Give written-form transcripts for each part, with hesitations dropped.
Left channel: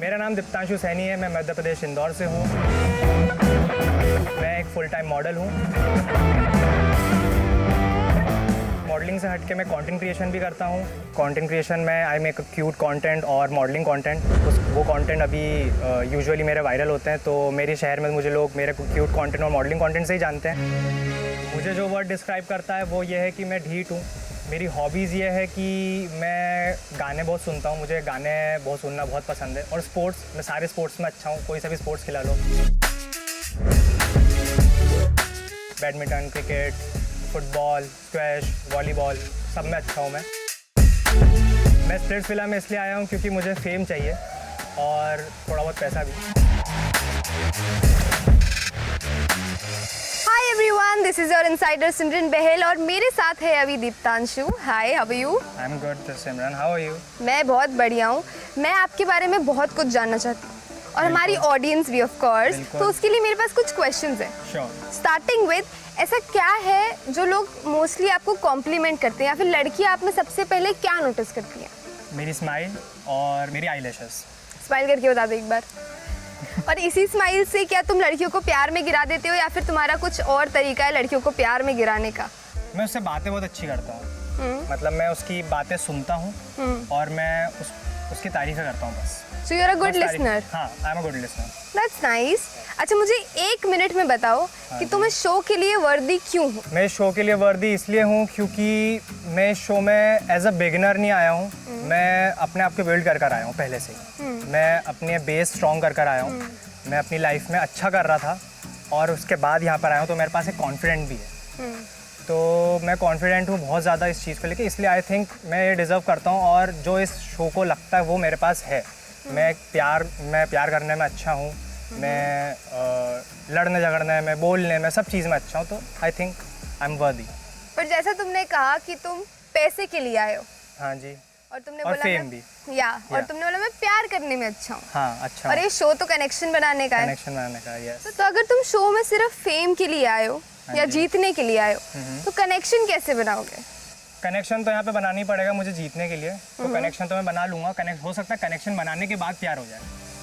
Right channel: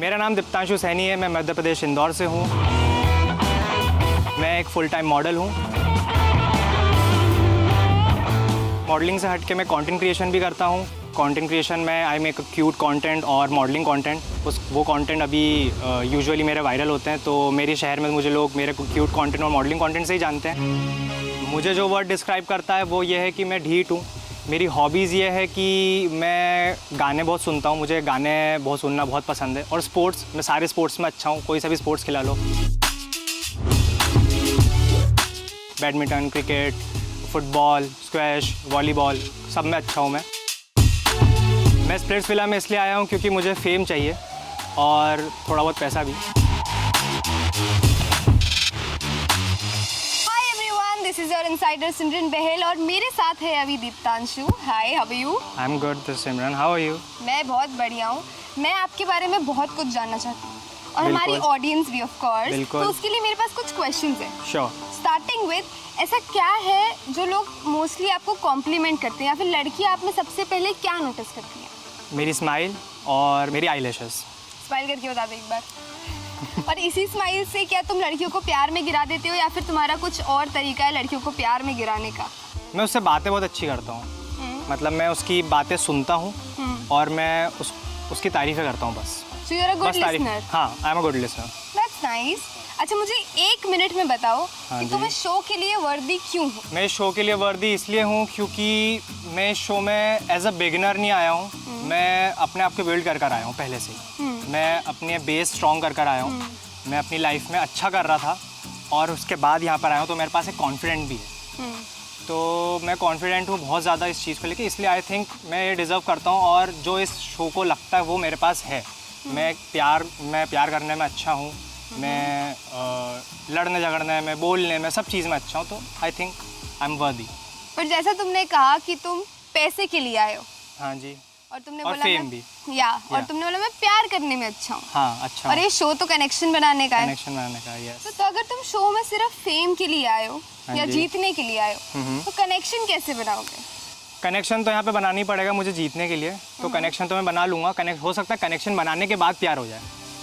मेरा नाम दीप्तांशु सैनी है, मैं मध्य प्रदेश इंदौर से हूँ। मैं एक फुल टाइम मॉडल हूँ। मॉडलिंग से हट के मैं कंटेंट क्रिएशन भी करता हूँ। कंटेंट क्रिएशन में आई मेक क्यूट कंटेंट और मॉडलिंग कंटेंट। वो कंटेंट अभी यूजुअली मेरे वायरल होते हैं, तो मेरे शहर में मुझे लोग मेरे क्यूट कंटेंट और मॉडलिंग कंटेंट से ही जानते हैं। मुझे जो वर्ड डिस्क्राइब करता है वो ये है कि मैं ढीठ हूँ। मेरी हॉबीज़ ये है कि मैं गाने बहुत सुनता हूँ, मुझे गाने बहुत सुनना बहुत पसंद है। और स्पोर्ट्स, मैं सारे स्पोर्ट्स में अच्छा हूँ, कोई सा भी स्पोर्ट्स खिला लो। Badminton, cricket, football, squash, volleyball, सब में अच्छा हूँ मैं स्प्लिट्सविला में इसलिए आया हूँ क्योंकि मुझे फेम चाहिए और थोड़ा बहुत पैसा भी। This is your insider Simran Behl और मेरे साथ है अभी Deeptanshu. Hi, how are you? I am good Simran, how are you? मैं बहुत बढ़िया हूँ। मैं आपके बारे में बहुत कुछ जानना चाहती हूँ और हमारी ऑडियंस भी ऑफ कोर्स, तो उसके लिए मेरे पास कुछ क्वेश्चंस हैं। श्योर। स्टार्टिंग विद, ऐसा क्या है जो लोग मोस्टली आपको कॉम्प्लीमेंट करते हैं या फिर लड़कियाँ आप में सबसे पहले क्या नोटिस करती हैं? मेरी स्माइल और मेरी आईलैशेस। स्माइल करके बता दो एक बार। और इसी स्माइल से क्या तुम लड़कियों को प्यार में गिरा देते हो या फिर तुम्हारा कुछ और तरीका है लड़कियों को प्यार में गिराने का? मैं उससे बातें बहुत अच्छी करता हूँ। मतलब मैं उसकी बातें सुनता हूँ और मैं उसकी तारीफें करता हूँ बस। So you're a good listener. हाँ, I am a good listener. That's nice. अच्छा, मुझे 1 मिनट में बताओ कि तुम इस शो के लिए वर्दी क्यों हो? मैं इस शो के लिए वर्दी इसलिए हूँ क्योंकि मैं इस शो में एज अ बिगिनर नहीं आया हूँ। मैं अपने आप को बिल्ड कर आया हूँ पहले से ही। मैं अपने बेस स्ट्रॉन्ग कर आया हूँ। मैं अपनी लाइफ में अच्छा कर रहा था और उसके बाद यहाँ पर आया हूँ, तो मेरे पास एक कॉन्फिडेंट भी है। तो मैं कॉन्फिडेंट हूँ बहुत ज़्यादा इस चीज़ को लेकर, इसलिए आई थिंक मैं ये डिज़र्व करता हूँ और जो इस शो को लगता है वो मेरे पास है। मैं प्यार करने में अच्छा हूँ, मैं लड़ने झगड़ने में, बोलने में, सब चीज़ में अच्छा हूँ, तो आई थिंक आई एम वर्दी। पर जैसा तुमने कहा कि तुम पैसे के लिए आए हो। हाँ जी। और तुमने और बोला फेम भी। और तुमने बोला मैं प्यार करने में अच्छा हूँ। हाँ, अच्छा। और ये शो तो कनेक्शन बनाने का है। कनेक्शन बनाने का, यस। तो अगर तुम शो में सिर्फ फेम के लिए आए हो या जीतने के लिए आए हो, तो कनेक्शन कैसे बनाओगे? कनेक्शन तो यहाँ पे बनाना ही पड़ेगा मुझे जीतने के लिए, तो कनेक्शन तो मैं बना लूँगा। हो सकता है कनेक्शन बनाने के बाद प्यार हो जाए।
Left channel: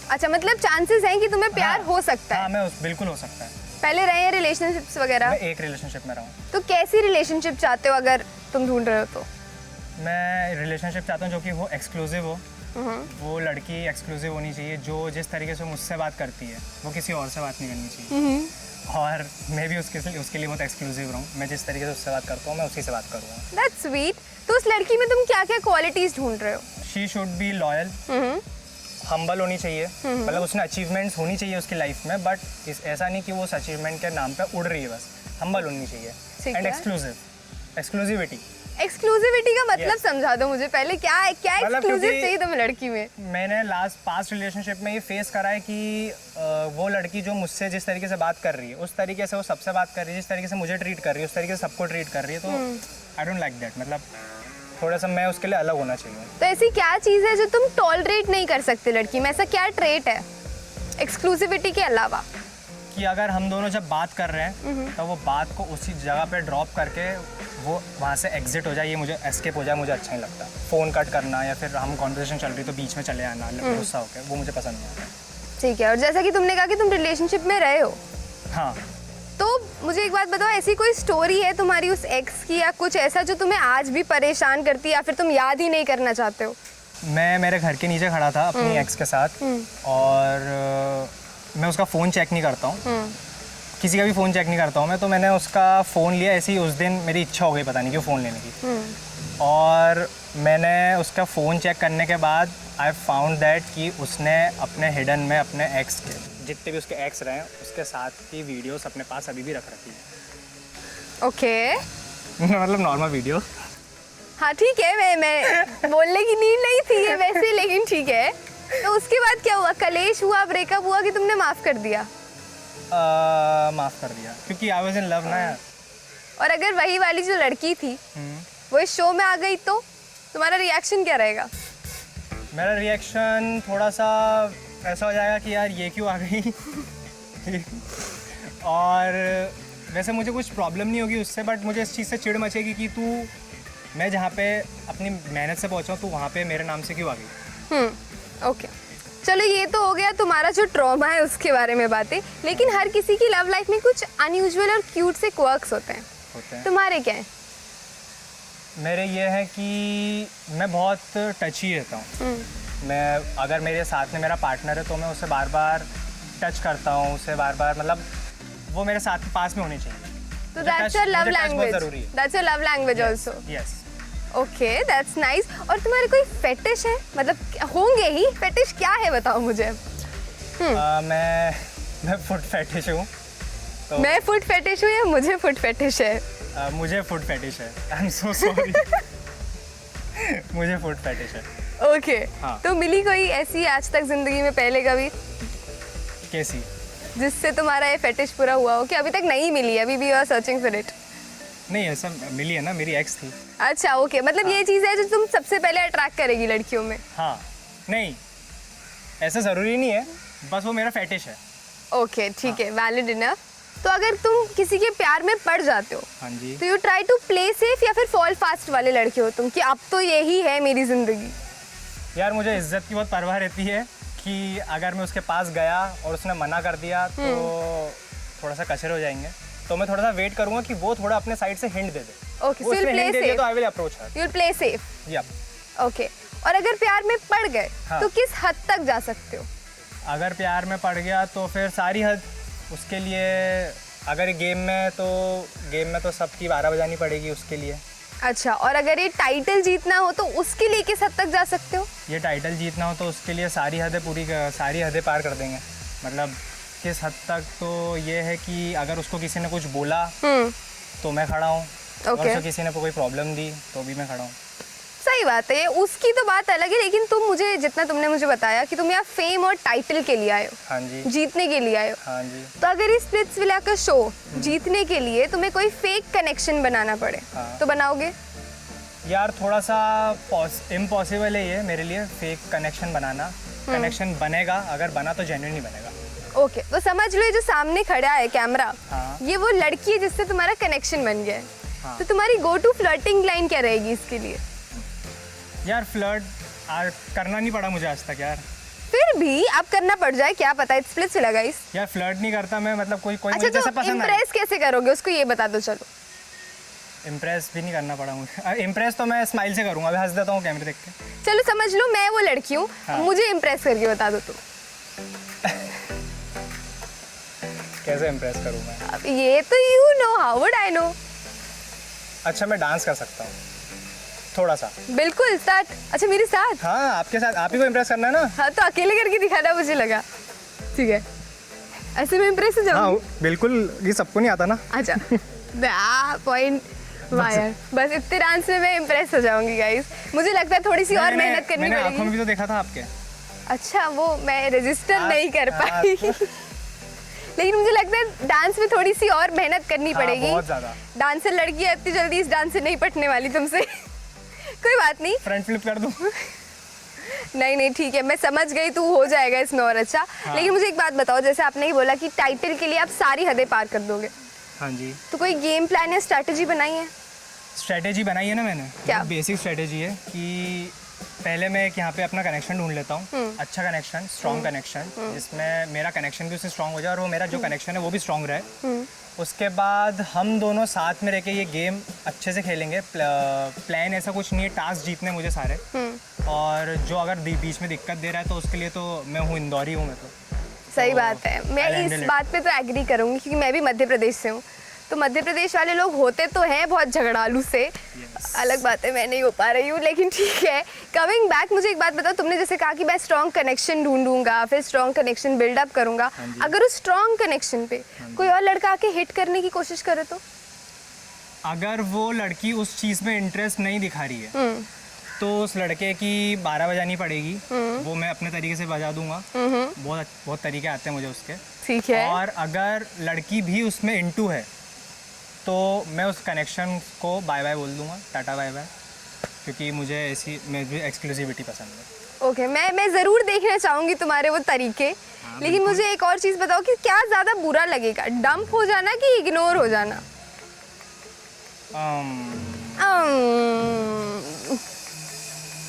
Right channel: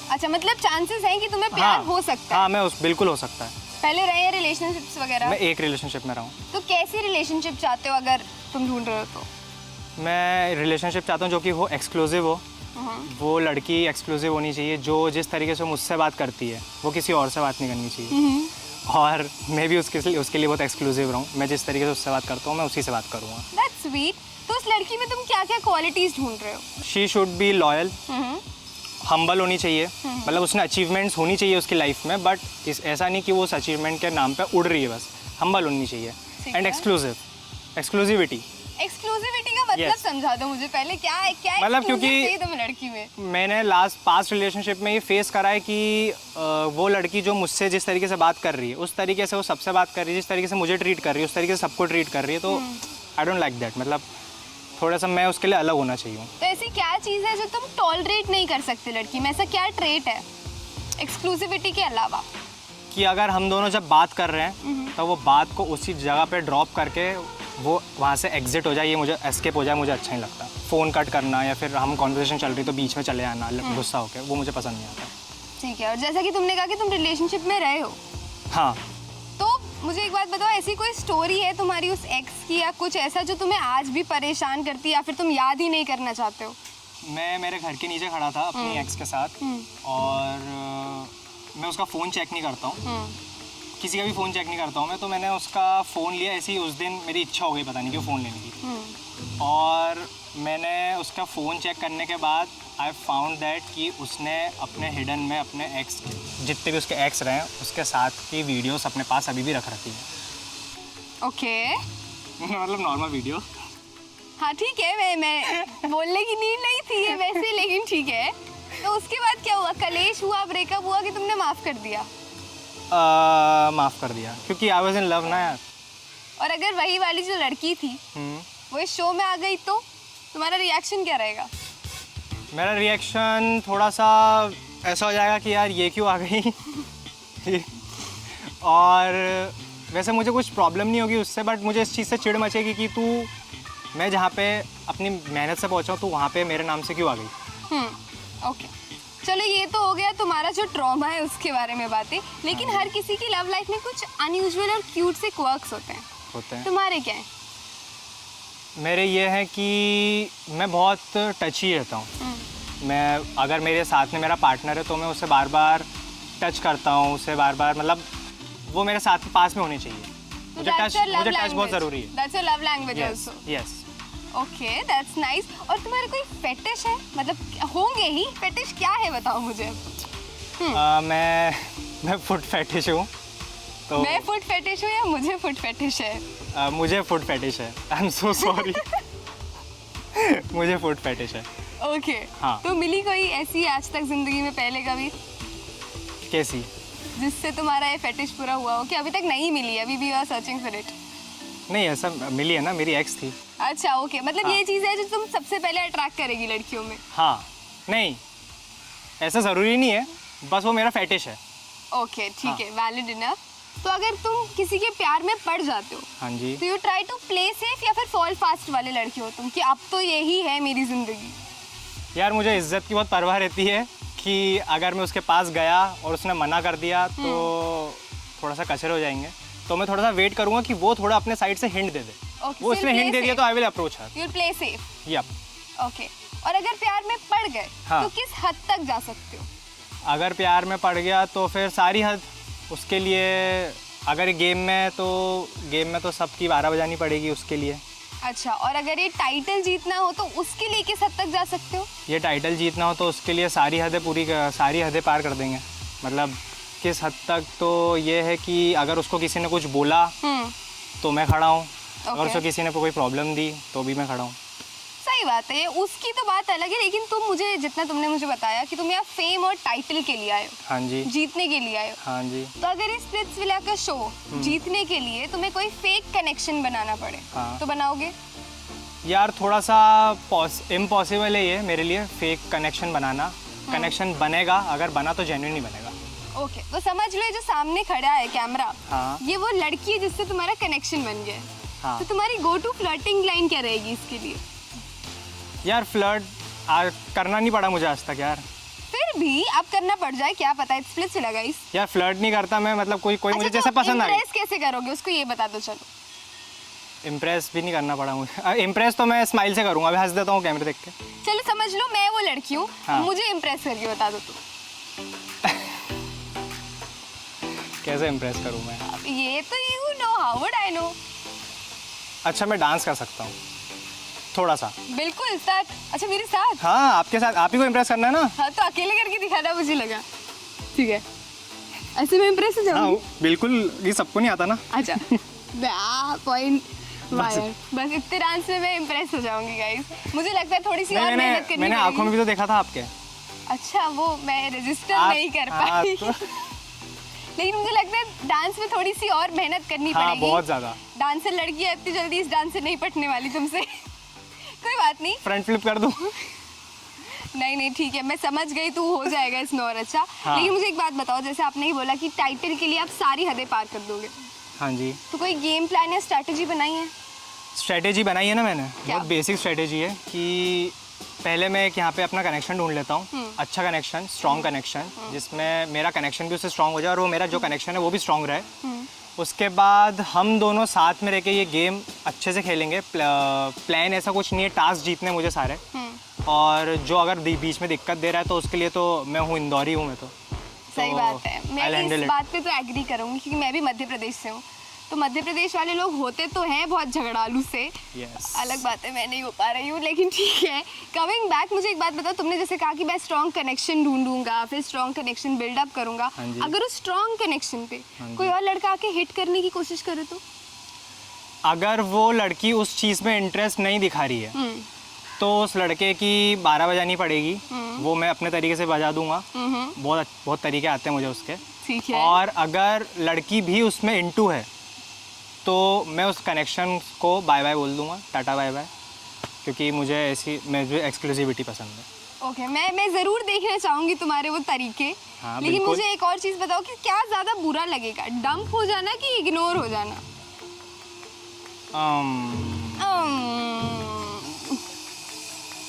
अच्छा, मतलब चांसेस हैं कि तुम्हें प्यार हो सकता है? हाँ, बिल्कुल हो सकता है। पहले रहे हैं रिलेशनशिप्स वगैरह? मैं एक रिलेशनशिप में रहा हूँ। तो कैसी रिलेशनशिप चाहते हो अगर तुम ढूंढ रहे हो तो? मैं रिलेशनशिप चाहता हूँ जो कि वो एक्सक्लूसिव हो। वो लड़की एक्सक्लूसिव होनी चाहिए, जो जिस तरीके से मुझसे बात करती है वो किसी और से बात नहीं करनी चाहिए। और मैं भी उसके लिए बहुत एक्सक्लूसिव रहूँ। मैं जिस तरीके से उससे बात करता हूँ मैं उसी से बात करूँगा। That's sweet. तो उस लड़की में तुम क्या क्या क्वालिटीज ढूंढ रहे हो? She should be loyal, humble होनी चाहिए। मतलब उसने अचीवमेंट्स होनी चाहिए उसकी लाइफ में, बट ऐसा नहीं कि वो उस अचीवमेंट के नाम पे उड़ रही है बस। हम्बल होनी चाहिए एंड एक्सक्लूसिविटी का मतलब समझा दो मुझे पहले, क्या मतलब एक्सक्लूसिव चाहिए तुम्हें लड़की में? मैंने पास्ट रिलेशनशिप में ये फेस करा है कि वो लड़की जो मुझसे जिस तरीके से बात कर रही है उस तरीके से वो सबसे बात कर रही है, जिस तरीके से मुझे ट्रीट कर रही है उस तरीके से सबको ट्रीट कर रही है, तो आई डोंट लाइक दैट। मतलब थोड़ा सा मैं उसके लिए अलग होना चाहिए। तो ऐसी क्या चीज़ है जो तुम टॉलरेट नहीं कर सकते लड़की में? ऐसा क्या ट्रेट है एक्सक्लूसिविटी के अलावा? कि अगर हम दोनों जब बात कर रहे हैं तो वो बात को उसी जगह पे ड्रॉप करके वो वहाँ से एग्जिट हो जाए, ये मुझे एस्केप हो जाए, मुझे अच्छा नहीं लगता। फ़ोन कट करना या फिर हम कॉन्वर्सेशन चल रही तो बीच में चले आना गुस्सा होकर, वो मुझे पसंद नहीं आता। ठीक है। और जैसा कि तुमने कहा कि तुम रिलेशनशिप में रहे हो, हाँ, तो मुझे एक बात बताओ, ऐसी कोई स्टोरी है तुम्हारी उस एक्स की या कुछ ऐसा जो तुम्हें आज भी परेशान करती है या फिर तुम याद ही नहीं करना चाहते हो? मैं मेरे घर के नीचे खड़ा था अपनी एक्स के साथ और मैं उसका फ़ोन चेक नहीं करता हूँ, किसी का भी फ़ोन चेक नहीं करता हूँ मैं। तो मैंने उसका फ़ोन लिया, ऐसे ही उस दिन मेरी इच्छा हो गई पता नहीं क्यों फ़ोन लेने की। और मैंने उसका फ़ोन चेक करने के बाद आई फाउंड दैट कि उसने अपने हिडन में अपने एक्स के जितने भी उसके एक्स रहे हैं उसके साथ की वीडियोस अपने पास अभी भी रख रखी हैं। ओके। मतलब नॉर्मल वीडियो। हाँ ठीक है, मैं बोलने की नीड नहीं थी ये वैसे, लेकिन ठीक है। तो उसके बाद क्या हुआ? कलेश हुआ, ब्रेकअप हुआ कि तुमने माफ़ कर दिया? माफ़ कर दिया क्योंकि आई वाज इन लव ना यार। और अगर वही वाली जो लड़की थी वो इस शो में आ गई तो तुम्हारा रिएक्शन क्या रहेगा? मेरा रिएक्शन थोड़ा सा ऐसा हो जाएगा कि यार ये क्यों आ गई। और वैसे मुझे कुछ प्रॉब्लम नहीं होगी उससे, बट मुझे इस चीज़ से चिढ़ मचेगी कि मैं जहाँ पे अपनी मेहनत से पहुँचा हूँ तो वहाँ पे मेरे नाम से क्यों आ गई। ओके, चलो ये तो हो गया तुम्हारा जो ट्रॉमा है उसके बारे में बातें, लेकिन हर किसी की लव लाइफ में कुछ अनयूजुअल और क्यूट से क्वर्क्स होते हैं। तुम्हारे क्या है? मेरे ये है कि मैं बहुत टची रहता हूँ। मैं अगर मेरे साथ में मेरा पार्टनर है तो मैं उसे बार बार टच करता हूँ, उसे बार बार, मतलब वो मेरे साथ में पास में होनी चाहिए। तो दैट्स योर लव लैंग्वेज। बहुत ज़रूरी है। That's your love language also. Yes. Okay, that's nice. और तुम्हारे कोई फेटिश है? मतलब होंगे ही, फेटिश क्या है बताओ मुझे। मैं फुट फेटिश हूँ। तो मैं फुट फेटिश हूँ या मुझे फुट फेटिश है? मुझे फुट फेटिश है। I am so sorry. मुझे फुट फेटिश है। ओके। हाँ। तो मिली कोई ऐसी आज तक जिंदगी में पहले कभी कैसी? जिससे तुम्हारा ये फेटिश पूरा हुआ हो? कि अभी तक नहीं मिली है, अभी भी you are searching for it? नहीं, ऐसा मिली है ना, मेरी एक्स थी। अच्छा, ओके। मतलब हाँ। ये चीज़ है जो तुम सबसे पहले अट्रैक्ट करेगी लड़कियों में? हाँ, नहीं ऐसा ज़रूरी नहीं है, बस वो मेरा फेटिश है। ओके, ठीक है, वैलिड इनफ। तो अगर तुम किसी के प्यार में पड़ जाते हो, हाँ जी, तो you try to play safe या फिर फॉल फास्ट वाले लड़के हो तुम, कि अब तो यही है मेरी जिंदगी? यार मुझे इज्जत की बहुत परवाह रहती है कि अगर मैं उसके पास गया और उसने मना कर दिया तो थोड़ा सा कचरे हो जाएंगे, तो मैं थोड़ा सा वेट करूंगा कि वो थोड़ा अपने साइड से हिंट दे दे। ओके, वो so उसने you'll हिंट play दे दिया safe. तो I will approach her. You'll play safe. Yup. Okay. और अगर प्यार में पड़ गए हाँ। तो किस हद तक जा सकते हो? अगर प्यार में पड़ गया तो फिर सारी हद। उसके लिए अगर गेम में तो सबकी 12 बजानी पड़ेगी उसके लिए। अच्छा, और अगर ये टाइटल जीतना हो तो उसके लिए किस हद तक जा सकते हो? ये टाइटल जीतना हो तो उसके लिए सारी हदें पार कर देंगे। मतलब किस हद तक, तो ये है कि अगर उसको किसी ने कुछ बोला तो मैं खड़ा हूँ, अगर उसको किसी ने कोई प्रॉब्लम दी तो भी मैं खड़ा हूँ। सही बात है, ये उसकी तो बात अलग है, लेकिन तुमने मुझे बताया कि तुम यहाँ फेम और टाइटल के लिए आए हो। हाँ जी। जीतने के लिए आए हो। हाँ जी। तो अगर इस स्प्लिट्सविला का शो जीतने के लिए तुम्हें कोई फेक कनेक्शन बनाना पड़े, हाँ। तो बनाओगे? यार थोड़ा सा इम्पॉसिबल है ये मेरे लिए, फेक कनेक्शन बनाना। कनेक्शन बनेगा, अगर बना तो जेन्युइन ही बनेगा। ओके, तो समझ लो ये जो सामने खड़ा है कैमरा, हाँ। ये वो लड़की है जिससे तुम्हारा कनेक्शन बन गया है। हाँ। तो तुम्हारी गो टू फ्लर्टिंग लाइन क्या रहेगी इसके लिए? यार फ्लर्ट करना नहीं पड़ा मुझे आज तक यार। फिर भी अब करना पड़ जाए, क्या पता। It's Splitsvilla guys. यार फ्लर्ट नहीं करता मैं, मतलब कोई अच्छा, मुझे जैसे पसंद आए। इम्प्रेस कैसे करोगे उसको, ये बता दो। चलो, इम्प्रेस भी नहीं करना पड़ा मुझे। इम्प्रेस तो मैं स्माइल से करूंगा, अभी हंस देता हूँ कैमरे देख के। चलो समझ लो मैं वो लड़की हूँ। हाँ। मुझे इम्प्रेस करके बता दो तुम। कैसे इम्प्रेस करूँ मैं? अब ये तो you know, how would I know? अच्छा, मैं डांस कर सकता हूँ थोड़ा सा। बिल्कुल, स्टार्ट। अच्छा, मेरे साथ? हाँ, आपके साथ, आप ही को इम्प्रेस करना है ना। हाँ, तो अकेले करके दिखाना मुझे लगा। ठीक है, ऐसे में इम्प्रेस हो जाऊंगी। हाँ, बिल्कुल, ये सबको नहीं आता ना। अच्छा, पॉइंट वायर। बस इतने डांस में मैं इम्प्रेस हो जाऊंगी गाइस। मुझे लगता है थोड़ी सी और मेहनत करनी मैंने पड़ेगी। आंखों में भी तो देखा था आपके। अच्छा, वो मैं रजिस्टर नहीं कर हाँ, पाई। लेकिन मुझे लगता है डांस में थोड़ी सी और मेहनत करनी हाँ, पड़ेगी। बहुत ज़्यादा। डांसर लड़की है, इतनी जल्दी इस डांस से नहीं पटने वाली तुमसे। कोई बात नहीं, फ्रंट फ्लिप कर दूँ? नहीं ठीक है, मैं समझ गई, तू हो जाएगा इसमें और अच्छा। हाँ। लेकिन मुझे एक बात बताओ, जैसे आपने ही बोला कि टाइटल के लिए आप सारी हदें पार कर दोगे, हाँ जी। तो कोई गेम प्लान या स्ट्रैटेजी बनाई है? स्ट्रेटेजी बनाई है ना मैंने। क्या? बहुत बेसिक स्ट्रेटेजी है कि पहले मैं यहाँ पे अपना कनेक्शन ढूंढ लेता हूँ, अच्छा कनेक्शन, स्ट्रॉन्ग कनेक्शन, जिसमें मेरा कनेक्शन भी उससे स्ट्रॉन्ग हो जाए और वो मेरा जो कनेक्शन है वो भी स्ट्रॉन्ग रहे। उसके बाद हम दोनों साथ में रह के ये गेम अच्छे से खेलेंगे। प्लान ऐसा कुछ नहीं है, टास्क जीतने मुझे सारे। और जो अगर बीच में दिक्कत दे रहा है तो उसके लिए तो मैं हूँ, इंदौरी हूँ मैं तो। सही बात है, मैं इस बात पे तो एग्री करूँगी क्योंकि मैं भी मध्य प्रदेश से हूँ। तो मध्य प्रदेश वाले लोग होते तो हैं बहुत झगड़ालू से। अलग बात है, मैं नहीं हो पा रही हूँ, लेकिन ठीक है। कमिंग बैक, मुझे एक बात बताओ, तुमने जैसे कहा कि मैं स्ट्रॉन्ग कनेक्शन ढूंढूंगा, फिर स्ट्रॉन्ग कनेक्शन बिल्डअप करूंगा। अगर उस स्ट्रॉन्ग कनेक्शन पे कोई और लड़का आके हिट करने की कोशिश करे तो? अगर वो लड़की उस चीज़ में इंटरेस्ट नहीं दिखा रही है तो उस लड़के की 12 बजानी पड़ेगी। वो मैं अपने तरीके से बजा दूंगा। बहुत तरीके आते हैं मुझे उसके। ठीक है। और अगर लड़की भी उसमें इंटू है तो मैं उस कनेक्शन को बाय बाय बोल दूंगा, टाटा बाय बाय, क्योंकि मुझे एक्सक्लूसिविटी पसंद है। ओके, मैं ज़रूर देखना चाहूँगी तुम्हारे वो तरीके। हाँ, लेकिन बिल्कुल। मुझे एक और चीज़ बताओ कि क्या ज़्यादा बुरा लगेगा, डंप हो जाना कि इग्नोर हो जाना?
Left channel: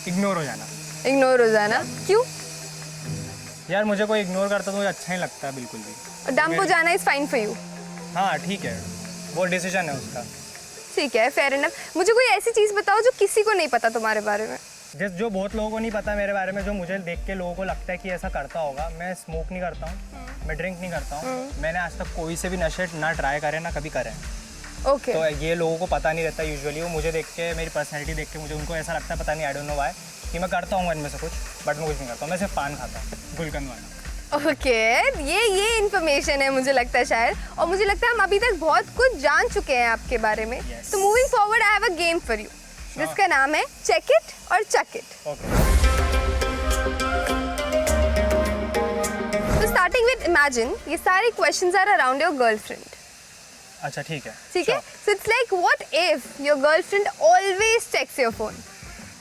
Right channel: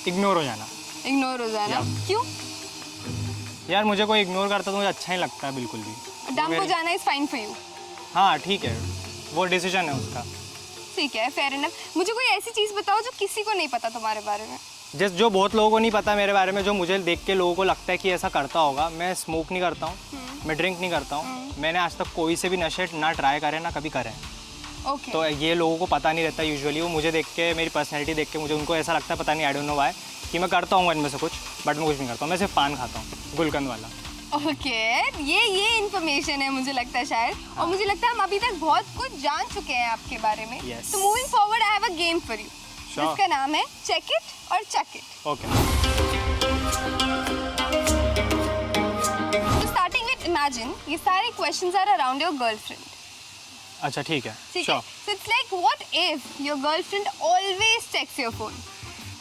इग्नोर हो जाना। इग्नोर हो जाना। क्यों? यार मुझे कोई इग्नोर करता तो मुझे अच्छा नहीं लगता बिल्कुल भी। डंप हो जाना इज फाइन फॉर यू। हाँ ठीक है, वो डिसीजन है उसका। ठीक है, फेयर इनफ। मुझे कोई ऐसी चीज़ बताओ जो किसी को नहीं पता तुम्हारे बारे में। जो बहुत लोगों को नहीं पता मेरे बारे में, जो मुझे देख के लोगों को लगता है कि ऐसा करता होगा। मैं स्मोक नहीं करता हूँ, मैं ड्रिंक नहीं करता हूँ, मैंने आज तक कोई से भी नशे ना ट्राई करे ना कभी करे। ओके। तो ये लोगों को पता नहीं रहता यूजुअली। वो मुझे देख के, मेरी पर्सनैलिटी देख के मुझे उनको ऐसा लगता है, पता नहीं, आई डोंट नो व्हाई, कि मैं करता हूँ इनमें से कुछ, बट मैं कुछ नहीं करता हूँ। मैं सिर्फ पान खाता हूँ, गुलकंद वाला। ओके, ये इन्फॉर्मेशन है मुझे लगता है शायद, और मुझे लगता है हम अभी तक बहुत कुछ जान चुके हैं आपके बारे में। Yes. तो moving forward I have a game for you जिसका नाम है चेक इट और चक इट। ओके। तो स्टार्टिंग विद इमेजिन, ये सारे questions are around your girlfriend. अच्छा ठीक है। ठीक है, so it's like what if your girlfriend always checks your phone.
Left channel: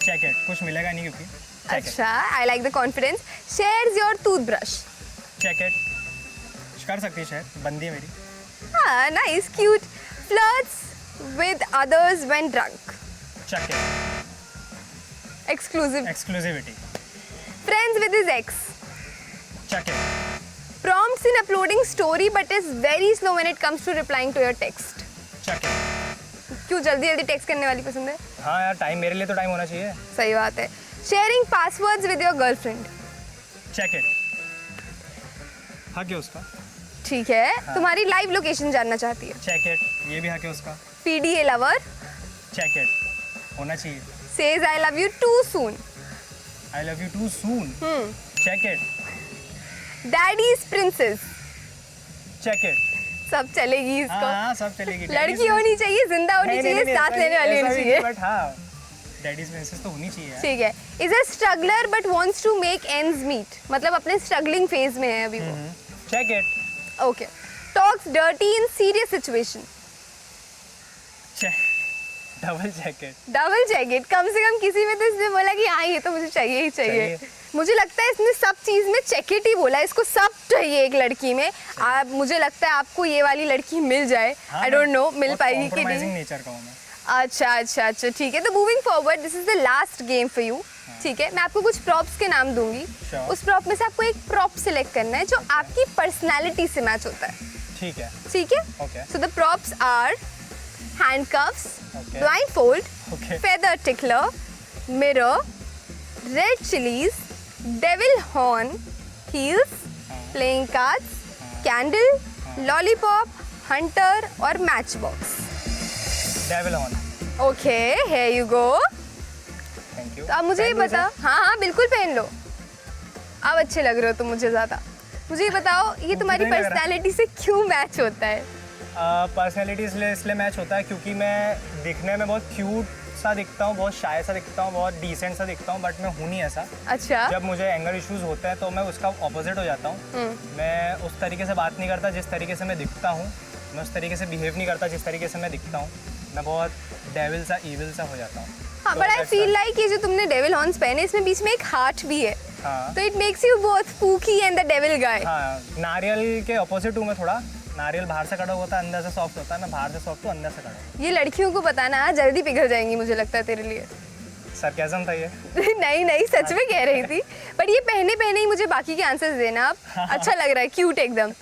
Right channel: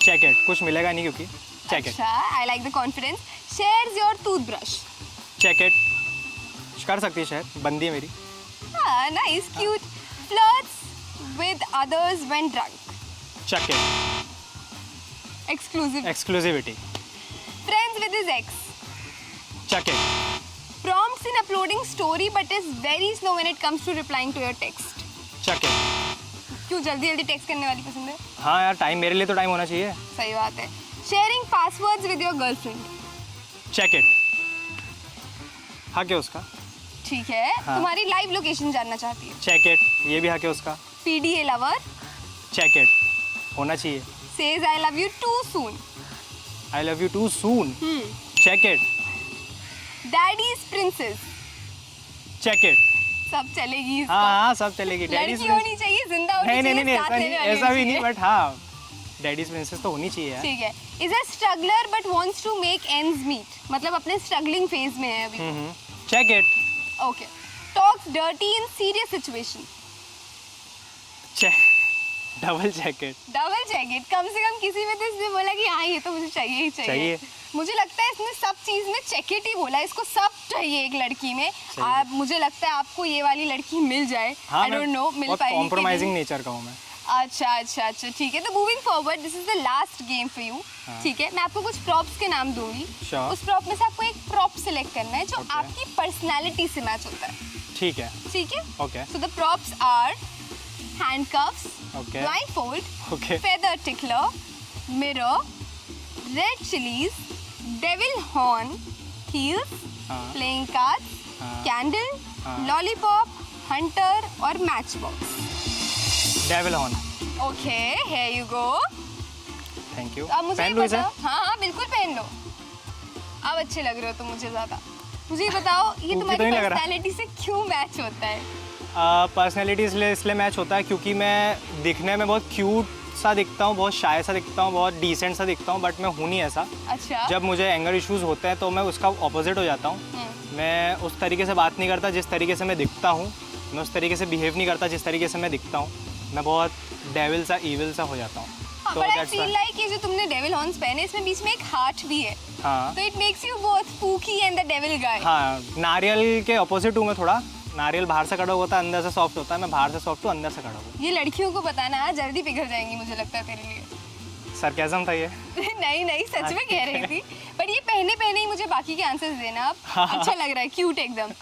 Check it, कुछ मिलेगा नहीं क्योंकि चेक इट। अच्छा, I like the confidence. Shares your toothbrush. Check it, कर सकती है शायद, बंदी है मेरी। हाँ, nice, cute. Flirts with others when drunk. Check it, exclusive. Exclusivity. Friends with his ex. Check it, Prompts in uploading story but is very slow when it comes to replying to your text. Check it. क्यों जल्दी जल्दी text करने वाली पसंद है? हाँ यार, time, मेरे लिए तो टाइम होना चाहिए। सही बात है। Sharing passwords with your girlfriend. Check it, हक है उसका। ठीक है, हाँ। तुम्हारी लाइव लोकेशन जानना चाहती है। चेक इट, ये भी हक है उसका। PDA lover. चेक इट, होना चाहिए। Says I love you too soon. I love you too soon. Check it, Daddy's princess. Check it. सब चलेगी इसको। हाँ सब चलेगी। लड़की होनी चाहिए, जिंदा होनी चाहिए, साथ लेने वाली होनी चाहिए। बट हाँ, डैडीज प्रिंसेस तो होनी चाहिए यार। ठीक है। Is a struggler but wants to make ends meet. मतलब अपने स्ट्रगलिंग फेज में है अभी वो। Check it. Okay. Talks dirty in serious situation. Check, double check it. Double check it, कम से कम किसी में तो इसने बोला कि हाँ ये तो मुझे चाहिए ही चाहिए। मुझे लगता है इसने सब चीज़ में चेक इट ही बोला, इसको सब चाहिए एक लड़की में। आप, मुझे लगता है आपको ये वाली लड़की मिल जाए। आई डोंट नो मिल पाएगी कि कॉम्प्रोमाइजिंग नहीं। नेचर का हूँ मैं। अच्छा, ठीक है। तो moving forward, this is the last game for you. ठीक है, मैं आपको कुछ प्रॉप्स के नाम दूंगी। Sure. उस प्रॉप में से आपको एक प्रॉप सिलेक्ट करना है जो आपकी पर्सनैलिटी से मैच होता है। ठीक है। ठीक है, Okay. So the props are handcuffs, Okay. blindfold, Okay. feather tickler, mirror, red chilies, devil horn, heels, playing cards, candle, lollipop, hunter और matchbox. Devil horn. Okay, here you go. Thank you. तो अब मुझे ये बताओ। हाँ बिल्कुल पहन लो, अब अच्छे लग रहे हो तुम मुझे ज़्यादा। मुझे ये बताओ, ये तुम्हारी नहीं लग रहा। पर्सनैलिटी से क्यों मैच होता है? पर्सनैलिटी इसलिए मैच होता है क्योंकि मैं दिखने में बहुत क्यूट सा दिखता हूँ, बहुत शाय सा दिखता हूँ, बहुत डिसेंट सा दिखता हूँ, बट मैं हूँ नहीं ऐसा। अच्छा। जब मुझे एंगर इश्यूज होते हैं तो मैं उसका ऑपोजिट हो जाता हूँ। मैं उस तरीके से बात नहीं करता जिस तरीके से मैं दिखता हूँ, मैं उस तरीके से बिहेव नहीं करता जिस तरीके से मैं दिखता हूँ। मैं बहुत डेविल सा, ईविल सा हो जाता हूँ। हाँ, बट आई फील लाइक ये जो तुमने डेविल हॉर्न्स पहने, इसमें बीच में एक हार्ट भी है। हाँ। तो it makes you both spooky and the devil guy. हाँ, नारियल के ऑपोजिट हूँ मैं थोड़ा। नारियल बाहर से कड़ा होता है, अंदर से सॉफ्ट होता है। मैं बाहर से सॉफ्ट हूँ, अंदर से कड़ा हूँ। ये लड़कियों को बताना, हाँ, जल्दी पिघल जाएंगी मुझे लगता है तेरे लिए। सरकाज़म था ये। नहीं, सच में कह रही थी। बट ये पहने ही मुझे बाकी के आंसर्स देना आप। अच्छा लग रहा है, क्यूट एकदम।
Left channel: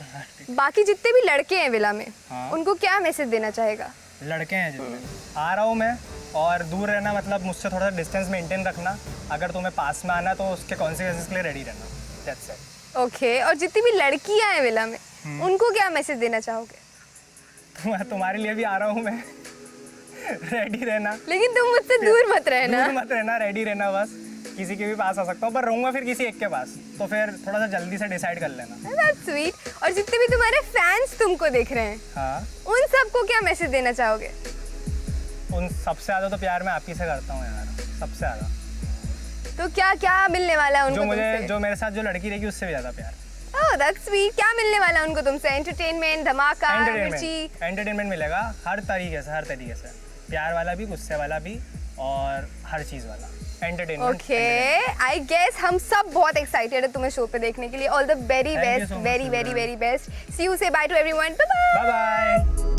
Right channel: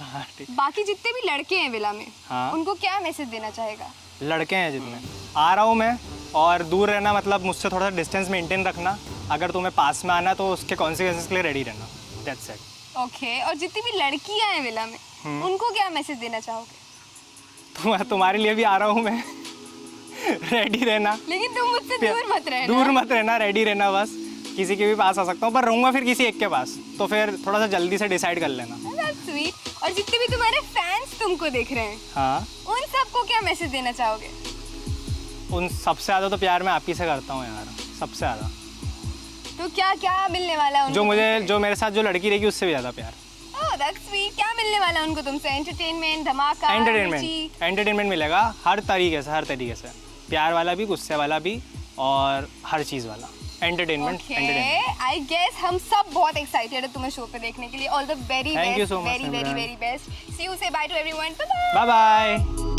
बाकी जितने भी लड़के हैं विला में, हाँ। उनको क्या मैसेज देना चाहेगा? लड़के हैं जितने, आ रहा हूँ मैं, और दूर रहना, मतलब मुझसे थोड़ा सा डिस्टेंस मेंटेन रखना। अगर तुम्हें पास में आना तो उसके कॉन्सिक्वेंसेस के लिए रेडी रहना। That's it. ओके, और जितनी भी लड़कियां हैं विला में, उनको क्या मैसेज देना चाहोगे? तुम्हारे लिए भी आ रहा हूँ मैं। रेडी रहना, लेकिन तुम मुझसे दूर मत रहना। दूर मत रहना, रेडी रहना बस। किसी के भी पास आ सकता हूँ, पर रहूँगा फिर किसी एक के पास, तो फिर थोड़ा सा जल्दी से डिसाइड कर लेना। That's sweet. और जितने भी तुम्हारे फैंस तुमको देख रहे हैं, हाँ, उन सबको क्या मैसेज देना चाहोगे? उन सबसे ज़्यादा तो प्यार मैं आप ही से करता हूँ यार, सबसे ज़्यादा। तो क्या मिलने वाला है उनको? जो मेरे साथ जो लड़की रहेगी उससे भी ज़्यादा प्यार। Oh, that's sweet. क्या मिलने वाला है उनको तुमसे? एंटरटेनमेंट, धमाका, एंटरटेनमेंट मिलेगा हर तरीके से। प्यार वाला भी, गुस्से वाला भी, और हर चीज़ वाला एंटरटेनमेंट। ओके, आई गेस हम सब बहुत एक्साइटेड है तुम्हें शो पे देखने के लिए। All the very Thank you best, so much, very Simran. Best. See you, say bye to everyone. Bye bye bye.